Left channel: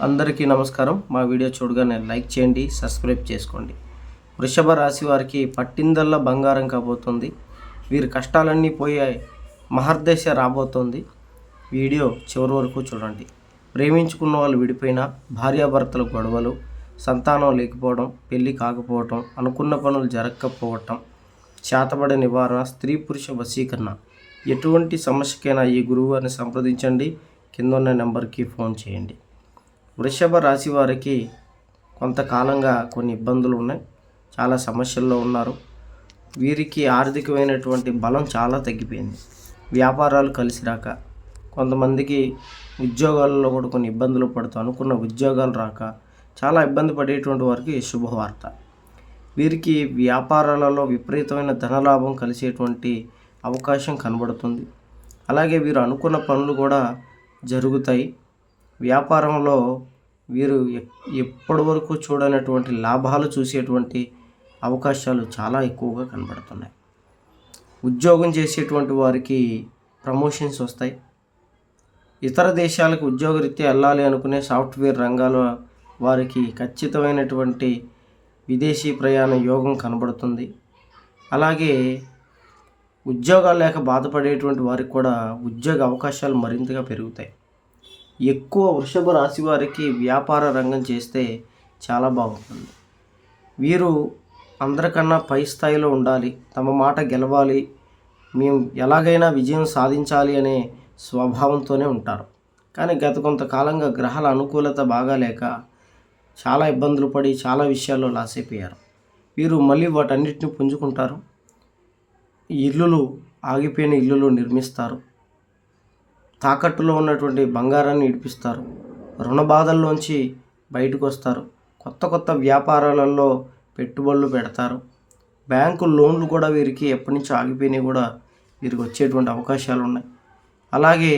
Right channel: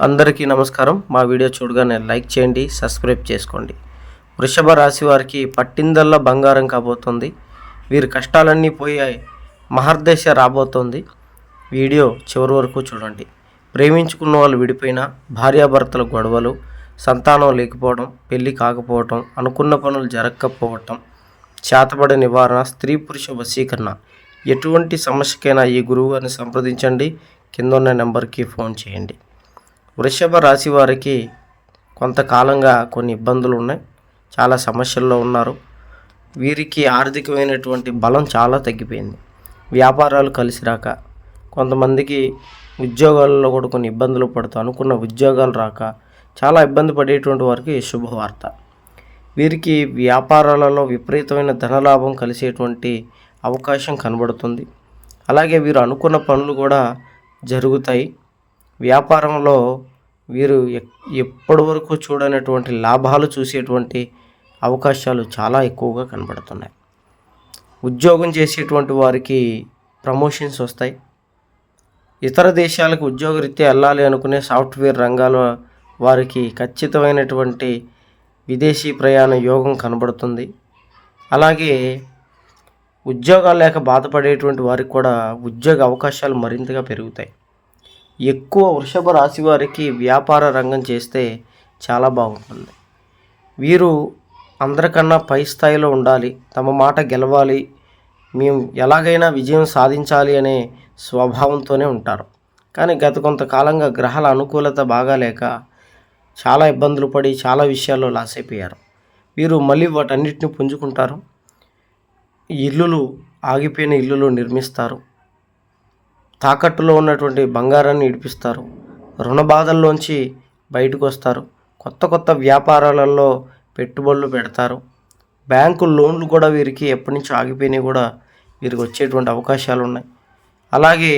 అందరికీ నమస్కారం. మా వీడియో చూడగానే లైక్ చేయండి సబ్స్క్రైబ్ చేసుకోండి. వృషభ రాశి వారికి పట్టిందల్లా బంగారం కాబోతుంది. వీరి కష్టాలన్నీ పోయాయి మహర్దశ రాబోతోంది. వీడియో చివరి వరకు చూడండి. ప్రేమించుకున్న వాళ్ళు విడిపోయినా భార్యాభర్తల గొడవలు సంతానం లేకపోవడం పెళ్ళి కాకపోవటం అనుకున్న పనులు జరగకపోవటం చేతబడి నివారణ స్త్రీ పురుష వశీకరణ. ఎటువంటి సమస్యకైనా ఈ గురువుగారిని సంప్రదించండి. కింద ఉన్న నెంబర్కి ఫోన్ చేయండి. వృషభ రాశి వారికి కొంతకాలంగా కొన్ని ఇబ్బందులు ఉన్నాయి. చాలా సమస్యల్లో ఉన్నారు. వీరికి ఆర్థికమైనటువంటి బలం చాలా తగ్గిపోయింది. వ్యాపారాలు కలిసి రాక కొంతమందికి ఉద్యోగాల్లో కూడా కొన్ని ఇబ్బందులు పడుతూ అనుకున్న ఉద్యోగాలు రాక చాలా ఇబ్బంది పడేటువంటి వారికి శుభవార్త. వీరికి వ్యాపారాలలో విపరీతమైన ధనలాభం కలిసేటువంటి అవకాశం కనబడుతుంది. అలాగే వీరు అనుకున్న పనులు కూడా జరుగుతాయి. వ్యాపారంలో వీరు ఎప్పటి వరకు చూడనటువంటి లాభాలు చూసేటువంటి అవకాశాలు చాలా ఎక్కువగా కనబడుతున్నాయి. ఉద్యోగం చేసేటువంటి వారికి ప్రమోషన్స్ వస్తాయి. ఇతర దేశాలకు ఉద్యోగరీత్యా వెళ్ళాలి అనుకునే సాఫ్ట్వేర్ రంగాల వారికి ఖచ్చితమైనటువంటి విదేశీ ప్రయాణ యోగం కనబడుతుంది. అలాగే ఉద్యోగాలు లేక బాధపడేటువంటి వారికి కూడా ఉద్యోగ అవకాశాలు మరింతగా పెరుగుతాయి. ఎక్కువ వృషభ రాశి వారికి వ్యాపార రంగం చేస్తే చాలా బాగుంటుంది. వీరు అందరికన్నా పై స్థాయిలో ఉండాలి తమ మాట గెలవాలి మేము ఎలాగైనా విజయం సాధించాలి అనే స్వభావంతోనే ఉంటారు. కానీ గత కొంతకాలంగా గ్రహాల అనుకూలత బాగాలేక చాలా ఇబ్బందులు పడి చాలా విషయాల్లో లాస్ అయిపోయారు. వీరు మళ్ళీ వాటన్నిటిని పుంజుకుంటారు. ఇల్లులు ఆగిపోయిన ఇల్లులు నిర్మిస్తారు. తాకట్టులో ఉన్నటువంటి బంగారాన్ని ఇడిపిస్తారు. రుణ బాధల్లోంచి బయటకు వస్తారు కొత్త కొత్త వ్యాపారాలలో పెట్టుబడులు పెడతారు. బ్యాంకు లోన్లు కూడా వీరికి ఎప్పటి నుంచో ఆగిపోయినాయి కూడా వీరికి వచ్చేటువంటి అవకాశాలు ఉన్నాయి అలాగే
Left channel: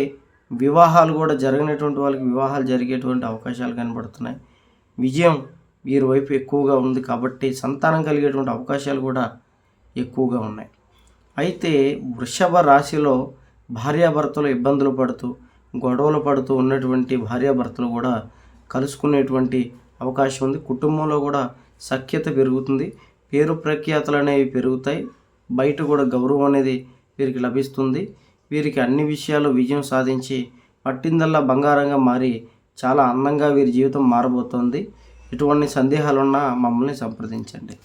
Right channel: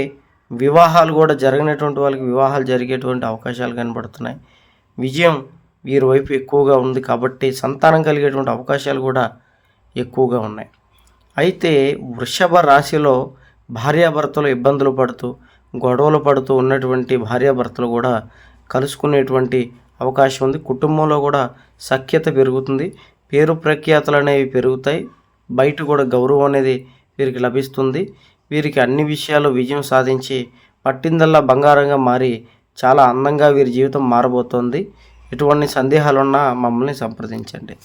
వివాహాలు కూడా జరగనటువంటి వాళ్ళకి వివాహాలు జరిగేటువంటి అవకాశాలు కనబడుతున్నాయి. విజయం వీరి వైపు ఎక్కువగా ఉంది కాబట్టి సంతానం కలిగేటువంటి అవకాశాలు కూడా ఎక్కువగా ఉన్నాయి. అయితే వృషభ రాశిలో భార్యాభర్తలు ఇబ్బందులు పడుతూ గొడవలు పడుతూ ఉన్నటువంటి భార్యాభర్తలు కూడా కలుసుకునేటువంటి అవకాశం ఉంది. కుటుంబంలో కూడా సఖ్యత పెరుగుతుంది. పేరు ప్రఖ్యాతలు అనేవి పెరుగుతాయి. బయట కూడా గౌరవం అనేది వీరికి లభిస్తుంది. వీరికి అన్ని విషయాలు విజయం సాధించి పట్టిందల్లా బంగారంగా మారి చాలా అందంగా వీరి జీవితం మారబోతోంది. ఎటువంటి సందేహాలున్నా మమ్మల్ని సంప్రదించండి.